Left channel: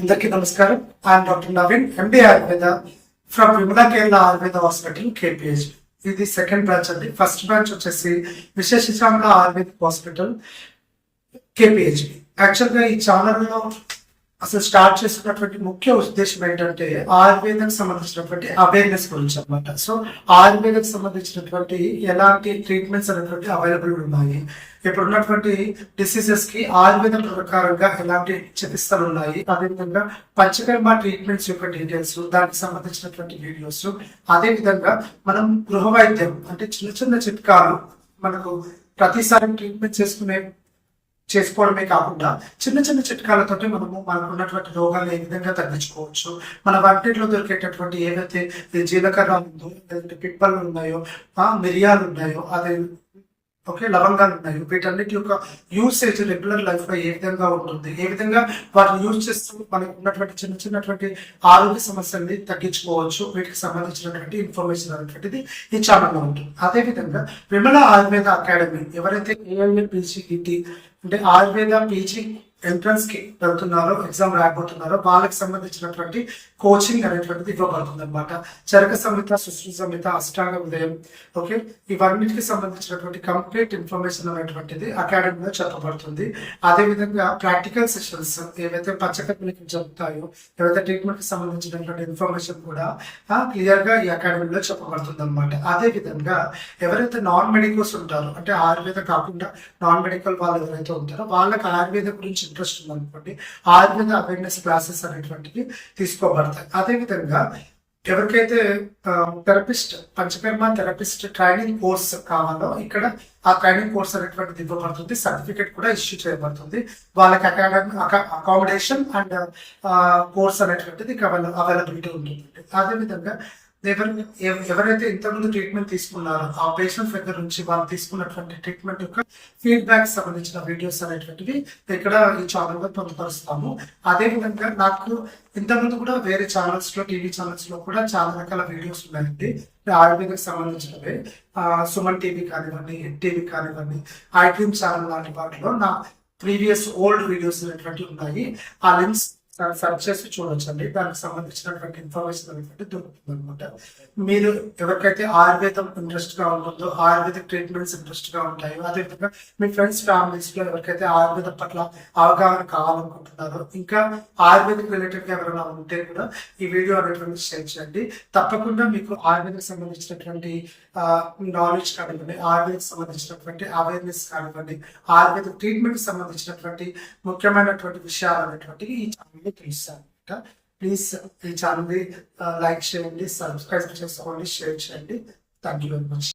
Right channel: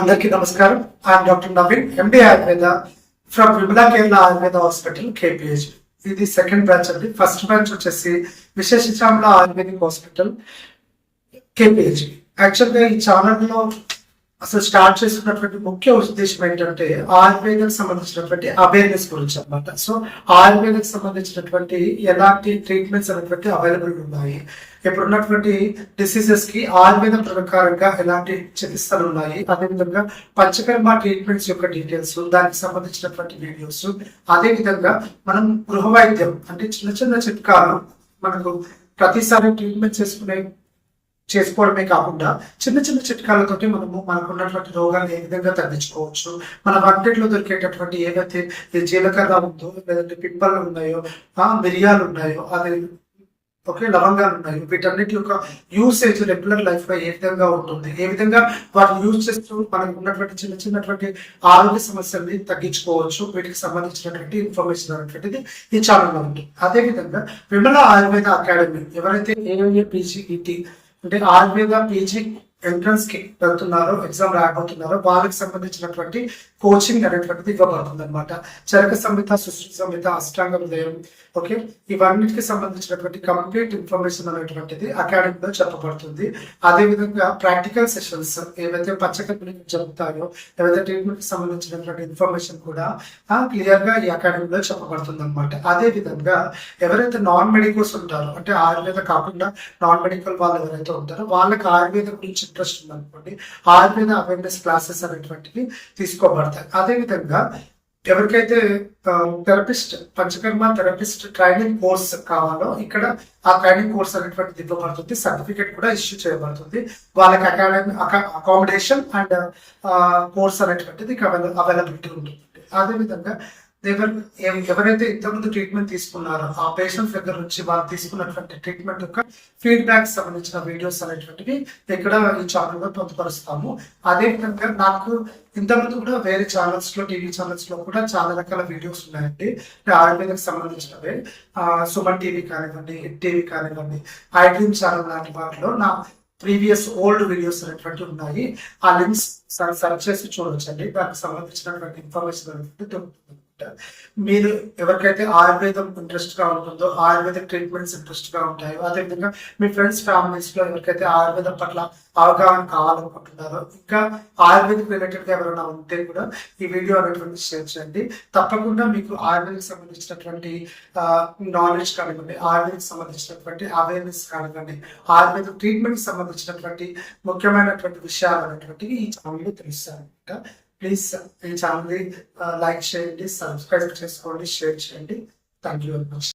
అందరికీ నమస్కారం. I'm doctor Naveen, MD Ayurveda from Vimala Kerala Ayurveda hospital KPH. ఇది సెకండ్ బ్రాంచ్ అండి. ఫస్ట్ బ్రాంచ్ వచ్చేసి విశేషచామల ఆయుర్వేదిక్ హాస్పిటల్ కేపీహెచ్. యాక్చువల్గా ఈ ఛానల్లో అసలు స్టార్ట్ చేస్తున్నటువంటి ముఖ్య ఉద్దేశం ఏంటంటే ఆయుర్వేదకు సంబంధించినటువంటి అవేర్నెస్ గురించి అనమాట. సో ఆయుర్వేదకు సంబంధించినటువంటి ఎలాంటి ట్రీట్మెంట్స్ అనేటువంటి అవైలబుల్ ఉన్నాయి, ఇప్పుడు ఉన్నటువంటి డిసీజెస్ కి ఆయుర్వేదం ప్రకారంగా ఎలాంటి చికిత్సలు ఉన్నాయి, అదేవిధంగా పంచకర్మ ట్రీట్మెంట్స్ యొక్క డీటెయిల్స్, దానికి సంబంధించినటువంటి వీడియోస్, అదే విధంగా మనం గృహ వైద్యం అంటే చిన్న చిన్న చిట్కాలు మనకు ప్రతిసారి ట్రీట్మెంట్ చేసుకోవడమే కాకుండా చిన్న చిన్న చిట్కాలతోటి మనకు ఉన్నటువంటి రోగాలు ఏ విధంగా తగ్గించుకోవచ్చు, మన వంటింట్లో దొరికేటటువంటి ఏవైతే జీలకర్ర ఉందో, లేదంటే పిప్పలు ఉన్నాయో, మిరియాలు ఉన్నాయో, అదే లవంగాలు ఉన్నాయో, వీటన్నిటి యొక్క యూసేజ్ రెగ్యులర్ లైఫ్ లో ఏ విధంగా ఉంటుంది, ఏ విధంగా వాటిని యూజ్ చేస్తూ మనకు ఉన్నటువంటి చిన్నటువంటి ఆరోగ్య సమస్యల్ని తగ్గించుకోవచ్చు, వీటికి సంబంధించినటువంటి ఇన్ఫర్మేషన్ అనేటువంటిది ఈ ఛానల్లో ఉంటుంది. అదే విధంగా విమల ఆయుర్వేద అకాడమీ ఎవరైతే ఏఐఏ పీజీఈటీ అంటే ఆయుర్వేద పీజీ ఎంట్రన్స్ కి వెళ్తున్నారో, ఎగ్జామ్ రాయబోతున్నారో వాళ్ళకి సంబంధించినటువంటి కోచింగ్ అనేటువంటిది ఇవ్వబడుతుంది అనమాట. చరక సంహిత, సుశ్రుత సంహిత, అష్టాంగ హృదయం, ఓకే, ఇవన్నిటికి సంబంధించినటువంటి కంప్లీట్ ఇన్ఫర్మేషన్ అనేటువంటిది అకాడమీలో చెప్పబడుతుంది. అదే విధంగా ప్రాక్టికల్ సెషన్స్ ఏవైతే పంచకర్మలకు జరుగుతాయో, ఏవైతే ట్రీట్మెంట్ కి సంబంధించినటువంటి ఇన్ఫర్మేషన్ కూడా క్లియర్ గా ఈ అకాడమీలో చెప్పబడుతుంది అనమాట. అదే విధంగా ఎవరైతే నాన్ మెడికల్స్ ఉంటారో, అంటే ఆయుర్వేద కాకుండా నాన్ మెడికల్ వాళ్ళు ఎవరైతే ఉంటారో వాళ్ళకి ఆయుర్వేద గురించి ఇంట్రెస్ట్ ఉందనుకోండి, ఆయుర్వేద అవేర్నెస్ క్లాసెస్ అనేటువంటివి తీసుకోబడతాయి. అదేవిధంగా ఎవరికైతే therapist, panchakarma therapist training course కావాలో ఇక్కడ ఆ ట్రైనింగ్ కోర్స్ అనేటువంటిది ఇవ్వబడుతుంది, సర్టిఫికేట్ కూడా ఇష్యూ చేయబడుతుంది. వాళ్ళకి అకామిడేషన్ అండ్ కోర్స్ అనేటువంటిది అవైలబిలిటీ ఉంటుంది. అదేవిధంగా ఎవరైతే ఇంతకుముందు ట్రీట్మెంట్ తీసుకున్నారో ఆ పేషెంట్స్ దగ్గర నుంచి వాళ్ళు తీసుకున్నటువంటి ట్రీట్మెంట్ యొక్క ఫీడ్బ్యాక్ సంబంధించిన వీడియోస్ అనేటువంటివి ఇక్కడ ఈ ఛానల్లో పొందుపరుస్తాము. అదే విధంగా నాకు ఇంతకుముందు కూడా వేరే ఛానల్స్ లో, టీవీ ఛానల్స్ లో కూడా చాలా రకాల వీడియోస్ ఉన్నాయండి. ఆయుర్వేదకు సంబంధించినవే సుమన్ టీవీ కానివ్వండి, హిట్ టీవీ కానివ్వండి, ఐ డ్రీమ్ ఛానల్ లాంటి వాటిలో నా ప్రీవియస్ ఓల్డ్ వీడియోస్ అనేటువంటి ఉన్నాయి. ఆ లింక్స్ సర్చ్ చేసి చూడొచ్చండి. దానికి సంబంధించినటువంటి ఇన్ఫర్మేషన్ అనేటువంటి దొరుకుతుంది అనమాట. మీరు ఎవరికైతే ఆయుర్వేదం ఇంట్రెస్ట్ గా ఉంటుందో, ఆయుర్వేదిక్ ట్రీట్మెంట్స్ ఇంట్రెస్ట్ గా ఉంటాయో, అదేవిధంగా మీ ఫ్రెండ్స్ ఫ్యామిలీస్ లో ఎవరికైతే ఆయుర్వేదం పట్ల అవగాహన కావాలనుకుంటున్నారో, ఇంకా ఆయుర్వేదిక్ రిలేటెడ్ గా ఎవరైనా ఉంటే కూడా ఈ వీడియో అనేటువంటి షేర్ చేయండి. తప్పకుండా మీకు ఆయుర్వేదిక్ సంబంధించినటువంటి నాలెడ్జ్ కానివ్వండి, ఆయుర్వేదిక్ సంబంధించినటువంటి అవేర్నెస్ కానివ్వండి, ఆయుర్వేదిక్ ట్రీట్మెంట్ కి సంబంధించినటువంటి ముఖ్యమైనటువంటి విషయాలు అనేటువంటివి ఈ ఛానల్ తెలుస్తారనమాట. ప్లీజ్ ఈ ఛానల్ ని లైక్ చేయండి, సబ్స్క్రైబ్ చేసుకోండి, షేర్ చేయండి. Thank you very much.